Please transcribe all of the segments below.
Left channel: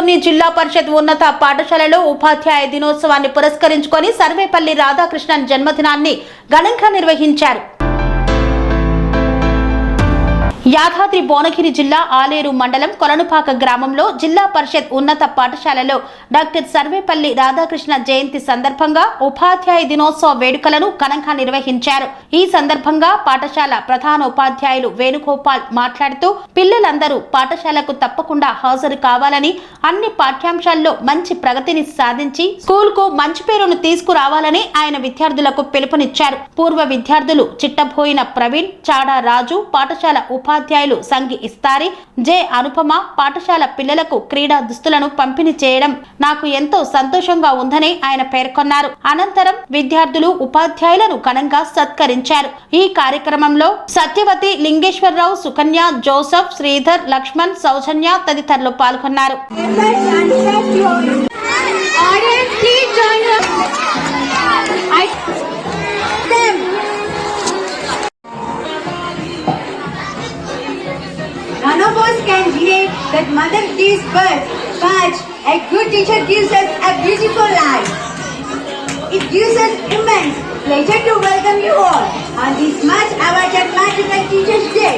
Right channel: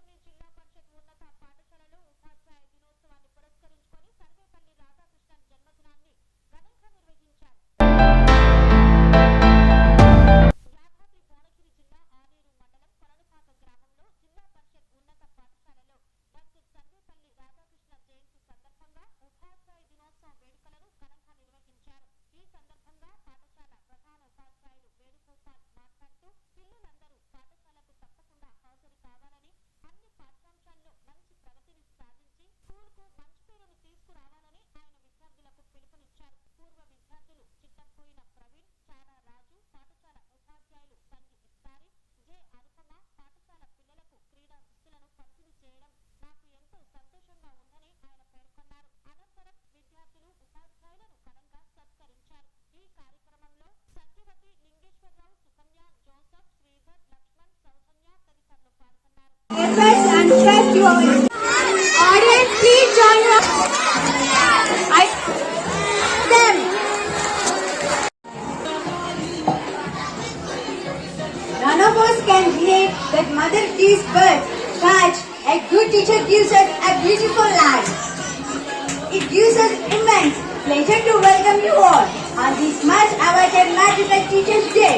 పొదలకూర్ని జిల్లా పరిషత్ ఉన్నత పాఠశాలలో ఉపాధ్యాయ దినోత్సవాన్ని పురస్కరించుకొని సర్వేపల్లి రాధాకృష్ణన్ జన్మదినాన్ని ఘనంగా నిర్వహించారు యాదాద్రి భువనగిరి జిల్లా ఆలేరు మండలం కొలనుపాక గ్రామంలో జిల్లా పరిషత్ ఉన్నత పాఠశాలలో డాక్టర్ సర్వేపల్లి రాధాకృష్ణ జయంతి సందర్భంగా ఉపాధ్యాయ దినోత్సవ వేడుకలను ఘనంగా నిర్వహించారు ఈ సందర్భంగా పాఠశాల ప్రధాన ఉపాధ్యాయులు వేణుగోపాల్ మాట్లాడుతూ పిల్లలందరూ పాఠశాలకు తప్పకుండా హాజరు కావాలని అన్ని పాఠ్యాంశాల్లో మంచి ప్రగతిని సాధించి స్కూల్ కు మంచి పేరును తీసుకురావాలని ఆయన విద్యార్థులకు పిలుపునిచ్చారు పూర్వ విద్యార్థులు చిట్టబోయిన ప్రవీణ్ చాడా రాజు పాఠశాల ఉప ఉపాధ్యాయులు సంగి ఇస్తారి జె అనుపమ పాఠశాల పిల్లలకు క్రీడా దుస్తులను పంపిణీ చేయడం నాకు ఎంతో సంతోషంగా ఉందని ఆయన పేర్కొన్నారు అనంతరం విద్యార్థులు ఉపాధ్యాయులను ఘనంగా సత్కరించారు ఈ కార్యక్రమంలో సత్యవతి లింగేశ్వరరావు సుకన్య జోసఫ్ శ్రీధర్ లక్ష్మణ్ సౌజన్య తదితరులు పాల్గొన్నారు None of us can deny that mother gives birth, but a good teacher gives us a beautiful life. It gives us immense pleasure to welcome you all on this much awaited Magical Teachers Day.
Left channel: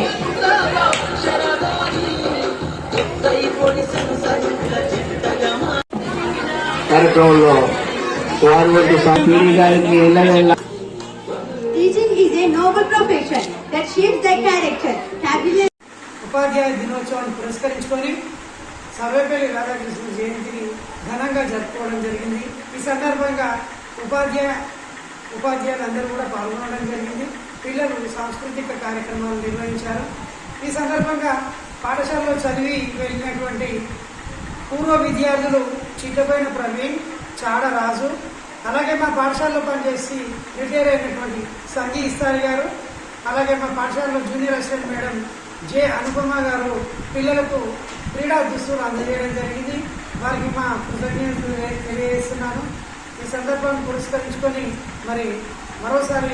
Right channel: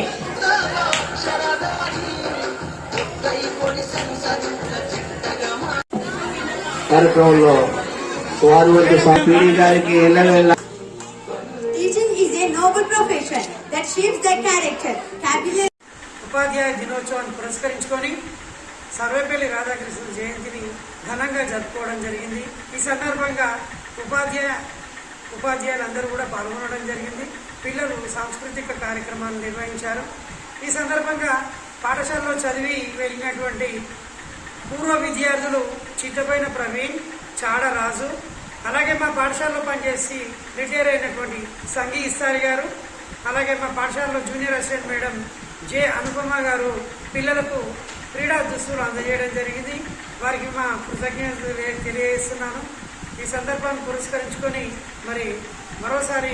కార్యక్రమంలో వారి వద్ద PD గారికి ఎల్లవేళ Teaching is a noble profession that shapes the character, capability, ఉపాధ్యాయ దినోత్సవాన్ని పురస్కరించుకొని సర్వేపల్లి రాధాకృష్ణ జయంతిని ఘనంగా జరుపుకోవడం జరిగింది ఈ సందర్భంగా ఉపాధ్యాయ ఉపాధ్యాయులందరూ కూడా పాల్గొనడం జరిగింది పిల్లలు సాంస్కృతిక కార్యక్రమాలు నిర్వహించారు ఈ సందర్భంగా పాఠశాలలో చదివి వెళ్ళినటువంటి పూర్వ విద్యార్థులు చిత్తపైన ప్రవీణ్ చాడ రాజు అలాగే మా పాఠశాలలో పనిచేసి రిటైర్ అయినటువంటి సంఘీ ఇస్తారు గారు అలాగే మా పాఠశాలలో junior assistant madam J Anupama garu పిల్లలకు క్రీడా దుస్తులు అందజేయడం జరిగింది వారికి మా కృతజ్ఞతలు తెలియజేస్తున్నాను ఈ సందర్భాన్ని పురస్కరించుకొని మరి మరోసారి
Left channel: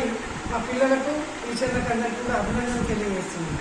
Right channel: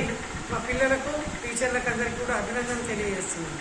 మా పిల్లలకు టీచర్లకు అందరికీ కూడా అభినందనలు తెలియజేస్తున్నాను